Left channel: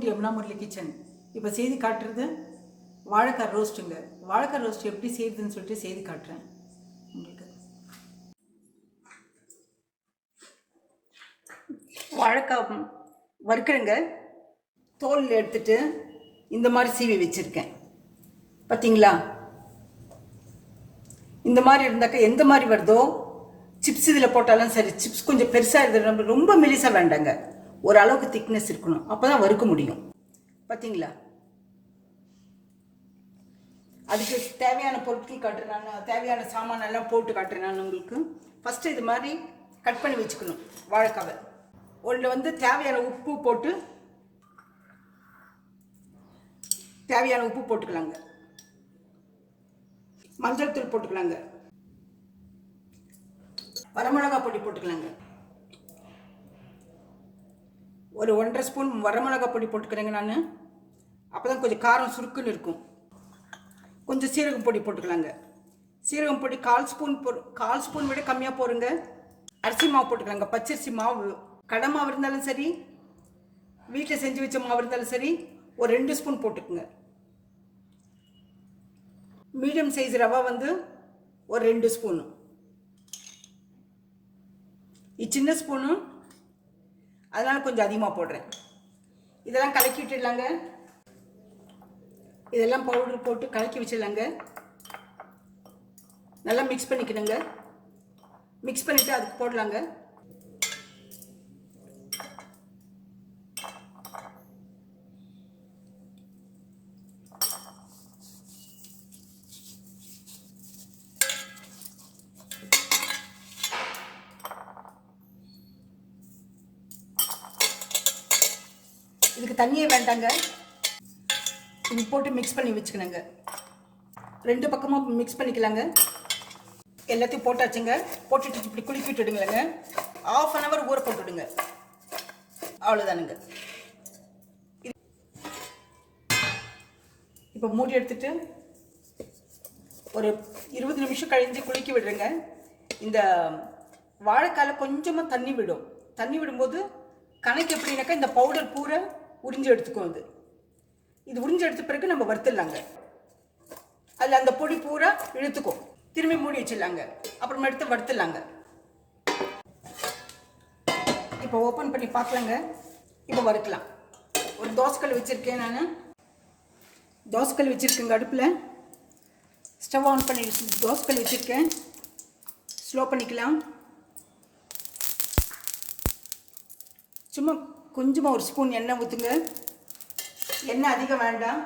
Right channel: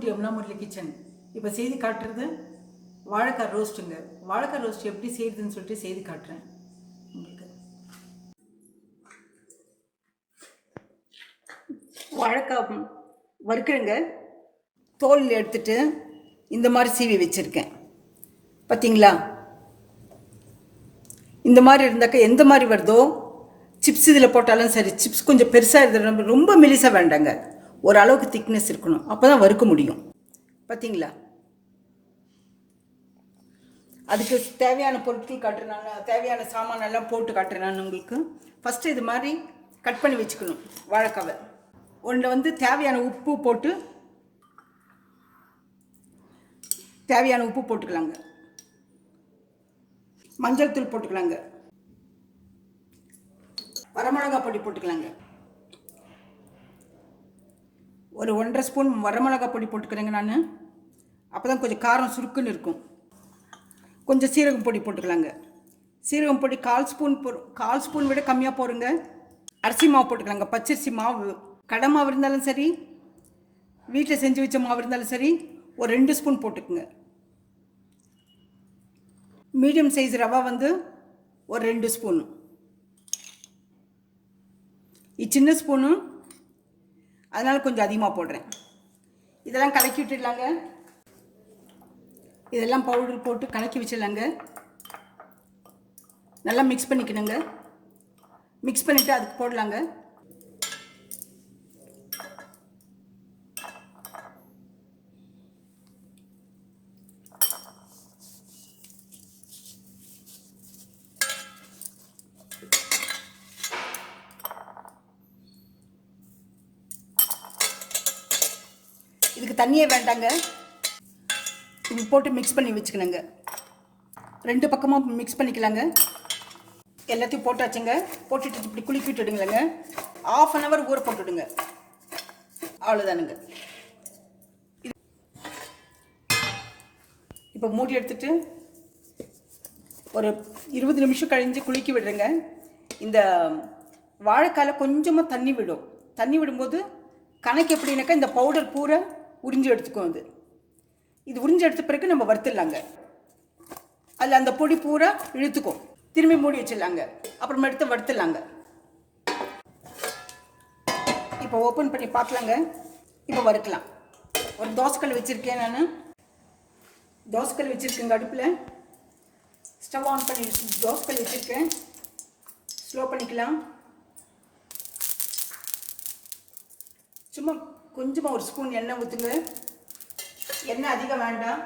Welcome to Yamuna Murali kitchen. இப்போ செய்து காட்டுறது வாழைக்காய் ரோஸ்ட்டுங்க. வாழைக்காய் ரோஸ்ட் எப்படி செய்யுதுன்னு சொல்லிட்டு செய்து காட்டுறேன் உங்களுக்கு. வாழைக்காய் வறுக்கிறேங்க. தோல் எடுத்துட்டு இந்த மாதிரி சீவி வச்சுருக்கேன். பார்த்தீங்களா? இந்த மாதிரி இருந்தாக்க எந்த மாதிரி வருதோ சிப்ஸ் இதில் போட்டாலும் சரி. சிப்ஸ் கொஞ்சம் பெருசாக இருந்தது, ரொம்ப மெலிசாக வேண்டாங்க, ஓரளவுக்கு திக்னஸ் இருக்கணும், அப்போ தான் வறுக்க முடியும். பார்த்தீங்களா? அதுக்கு தேவையான பொருட்கள் காட்டுறேன், தேவையான சாமான் எல்லாம் போட்டு காட்டுறேன் உங்களுக்கு. ஃபஸ்ட்டு இது மாதிரி கட் பண்ணி வச்சுக்கணும் வாழைக்காவை. ஒன்றில் தேவையான உப்பு போட்டு தேவையான உப்பு போட்டுக்கலாங்க, மஞ்சள் தூள் போட்டுக்கலாங்க, வரமிளகா பொடி போட்டுக்கலாங்க, ஒரு 1.5 ஸ்பூன் வரமிளகா பொடி போட்டுக்கிறேங்க நான், அப்போ தான் கொஞ்சம் காரம் சுருக்குன்னு இருக்கும். கொஞ்சம் சீரகம் பொடி போட்டுக்கலாங்க. சீரகம் பொடி 1/4 ஸ்பூன் விட கம்மியாக போடுங்க. அரிசி மாவு போட்டுக்கலாங்க, பச்சரிசி மாவு. கடை மாவு இருந்தாலும் சரி, வீட்டில் செஞ்சு வச்ச மாவு இருந்தாலும் சரி, ஒரு 2 ஸ்பூன் போட்டுக்குங்க. மீடியம் சைஸ் ரவா ஒரு 2 ஸ்பூனு. இது சின்ன ஸ்பூனு, அதனால் கொஞ்சம் அதிகமாக போடுறேன். இதெல்லாம் கலக்கி விட்டுடலாங்க. இதெல்லாம் பவுடர் போட்டு கலக்கி வச்சிடலாங்க. நல்லா மிக்ஸ் பண்ணிக்கணுங்க. மிக்ஸ் பண்ணிவிட்டு அதுக்கு போடலாங்க. இதுக்கு தண்ணியே வேண்டாங்க, இது போட்டு மிக்ஸ் பண்ணி வச்சுக்கணுங்க. 2 பக்கமும் மிக்ஸ் பண்ணிக்கலாங்க. எல்லாத்தையும் போட்டாச்சுங்க. போட்டுட்டு இப்படி குலுக்கி விட்டுடுங்களேங்க. 1/2 hour ஊற போட்டுடுங்க. அவ்வளோதானுங்க. இப்போ மூடி எடுத்துட்டு ஒரு 20 நிமிஷம் கழிஞ்சு குலுக்கி விடுறேங்க. இந்த வாழைக்காயில் கொஞ்சமாக தண்ணி விடும். தண்ணி விடும்போது கணக்கு எப்படின்னாக்கா இந்த பவுடர் பூரா உறிஞ்சி எடுத்துக்கும். இது உறிஞ்சி எடுத்த பிறகு நம்ம வறுத்துடலாங்க. அதில் அந்த பொடி பூரா இழுத்துக்கும். திரும்பி மூடி வச்சிடலாங்க. அப்புறமா எடுத்து வறுத்துடலாங்க. இப்போ ஓப்பன் பண்ணி பார்க்கலாங்க. இப்போ வறுக்கலாம். ஒரு தோசைக்கல் வச்சுருக்கேன் நான். தோசைக்கல் வச்சுருக்கேங்க அடுப்பில். ஸ்டவ் ஆன் பண்ணி தோசைக்கல் வச்சுருக்கேன். ஸ்லோ பண்ணிக்கலாம். சும்மா கொஞ்சமாக ஒரு ஸ்பூன் எண்ணெய் ஊற்றுங்க. எண்ணெய் அதிகம் வேண்டாம்.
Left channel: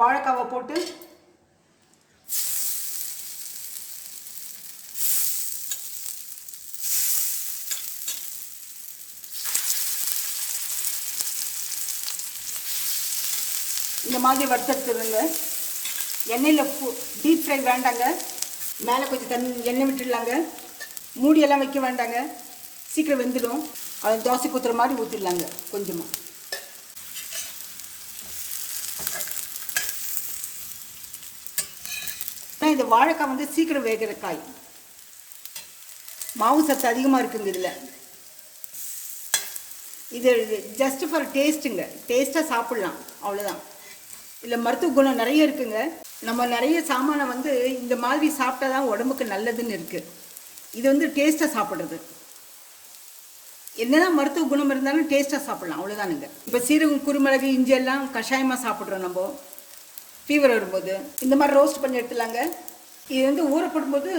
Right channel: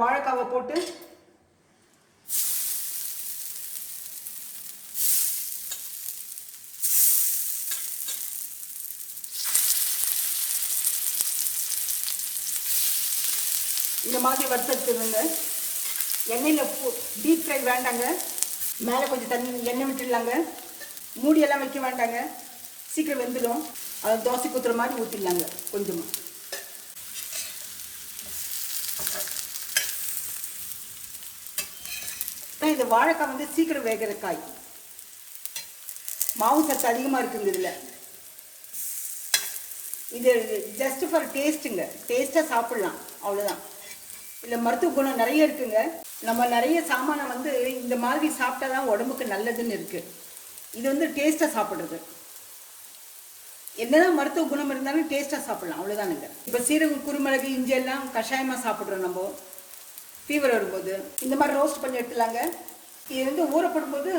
வாழைக்காவை போட்டு இந்த மாதிரி வறுத்தெடுத்துருங்க. எண்ணெயில் டீப் ஃப்ரை வேண்டாங்க. மேலே கொஞ்சம் தண்ணி எண்ணெய் விட்டுடலாங்க. மூடியெல்லாம் வைக்க வேண்டாங்க, சீக்கிரம் வெந்துடும். அது தோசை ஊற்றுற மாதிரி ஊற்றிடலாங்க கொஞ்சமாக. இந்த வாழைக்காய் சீக்கிரம் வேகிற காய். மாவு சத்து அதிகமாக இருக்குங்க இதில். இது ஜஸ்ட் ஃபார் டேஸ்ட்டுங்க. டேஸ்ட்டாக சாப்பிட்லாம், அவ்வளோதான். இதில் மருத்துவ குணம் நிறைய இருக்குங்க. நம்ம நிறைய சாமானை இந்த மாதிரி சாப்பிட்டா தான் உடம்புக்கு நல்லதுன்னு இருக்குது. இது டேஸ்ட்டாக சாப்பிட்றது. என்னதான் மருத்துவ குணம் இருந்தாலும் டேஸ்ட்டாக சாப்பிட்லாம், அவ்வளோதானுங்க. இப்போ சீரகம், குருமிளகு, இஞ்சி எல்லாம் கஷாயமாக சாப்பிட்றோம் நம்ம ஃபீவர் வரும்போது. இந்த மாதிரி ரோஸ்ட் பண்ணி எடுத்துலாங்க. இது ஊறப்படும்போது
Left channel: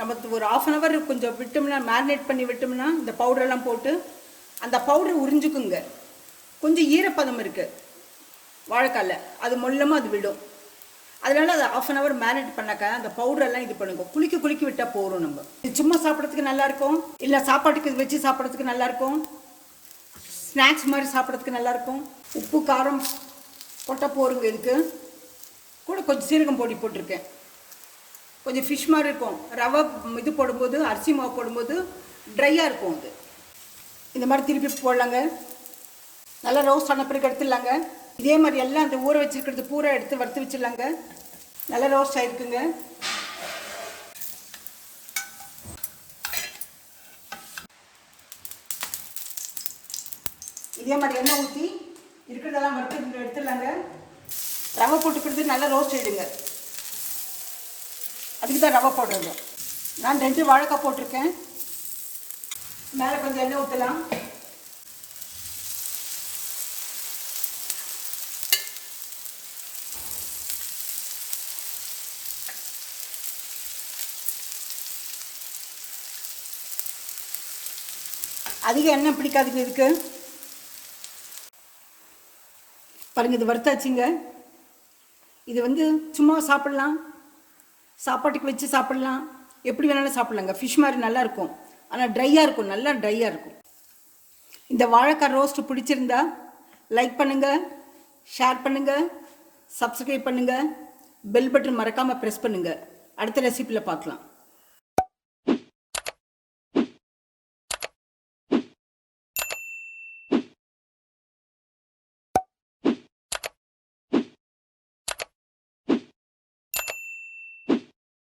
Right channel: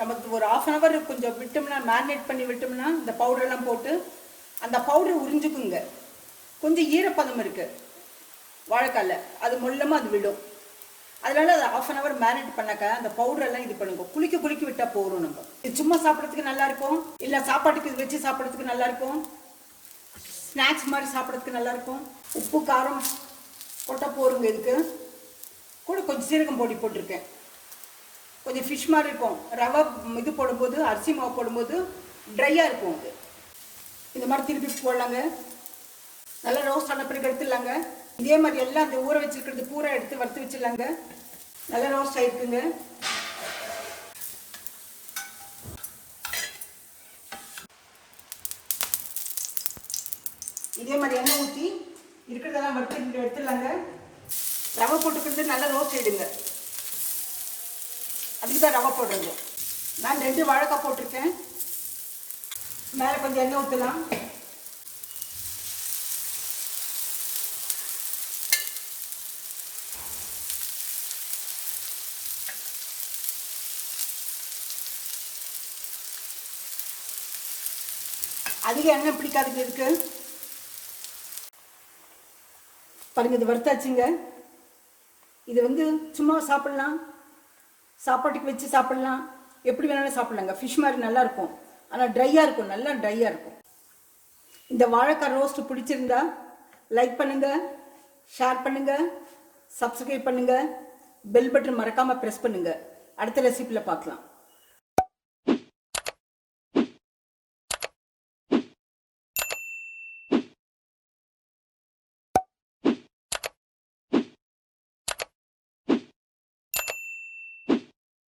நமக்கு ஒரு 1/2 hour கொஞ்சம் விட்டோம்னா, மேரினேட் பண்ணி விட்டோம்னா, இந்த பவுடரெல்லாம் போட்டு அந்த பவுடர் உறிஞ்சுக்குங்க. கொஞ்சம் ஈரப்பதம் இருக்குது வாழைக்காயில், அது மொல்லமாக அது விடும். அதனால அது 1/2 hour மேரினேட் பண்ணாக்கா அந்த பவுடரெல்லாம் இது பண்ணுங்க. குலுக்கி விட்டால் போகிறோம். நம்ம இது சும்மா சாப்பிட்றதுக்கு நல்லாயிருக்கும், இல்லை சாப்பாட்டுக்கு வச்சு சாப்பிட்றதுக்கு நல்லாயிருக்கும், ஸ்நாக்ஸ் மாதிரி சாப்பிட்றதுக்கு நல்லாயிருக்கும். உப்பு காரம் போட்டால் போருங்க. இதுக்கு கூட கொஞ்சம் சீரகம் பொடி போட்டிருக்கேன். கொஞ்சம் ஃபிஷ் மாதிரி இருக்கும். ரவை இது போடும்போது, அரிசி மாவு போடும்போது ட்ரையாக இருக்கும். அது இந்த மாதிரி திருப்பி போடலாங்க. நல்லா ரோஸ்ட் ஆன பிறகு எடுத்துடலாங்க. இதே மாதிரி எல்லாம் அந்த ஊற வச்சுருக்கிறது பூரா எடுத்து வறுத்து வச்சிடலாங்க. நல்லா ரோஸ்ட் ஆகிருக்குங்க. இதே மாதிரி எண்ணெய் ஊற்றி இருக்கிறதெல்லாம் வறுத்து எடுத்துடலாங்க. ரவை போட்டுக்கிறது நல்லா ரோஸ்ட் ஆகிடுங்க. அதுக்கு தான் ரவை போடுறது. நான் 2 வாழைக்காய் போட்டிருக்கேன். மேலே கொஞ்சம் எண்ணெய் ஊற்றலாம். அதிக எண்ணெய் பிடிக்காதுங்க இதுக்கு. பாருங்க, இது வறுத்தாச்சுங்க. இது வந்து சும்மா சாப்பிட்லாம், சாப்பாட்டுக்கு வச்சு சாப்பிட்லாம், எப்படி வேணாலும் சாப்பிட்லாங்க. ஃபிஷ் மாதிரி நல்லா இருக்கும். ஆனால் ட்ரையாக இருக்கும், நல்லா ட்ரையாக இருக்கும். இந்த வாழைக்காய் ரோஸ்ட் பிடிச்சிருந்தா லைக் பண்ணுங்கள், ஷேர் பண்ணுங்கள், சப்ஸ்கிரைப் பண்ணுங்கள், பெல் பட்டன் மறக்காமல் ப்ரெஸ் பண்ணுங்கள். அடுத்த ரெசிபியில் பார்க்கலாம்.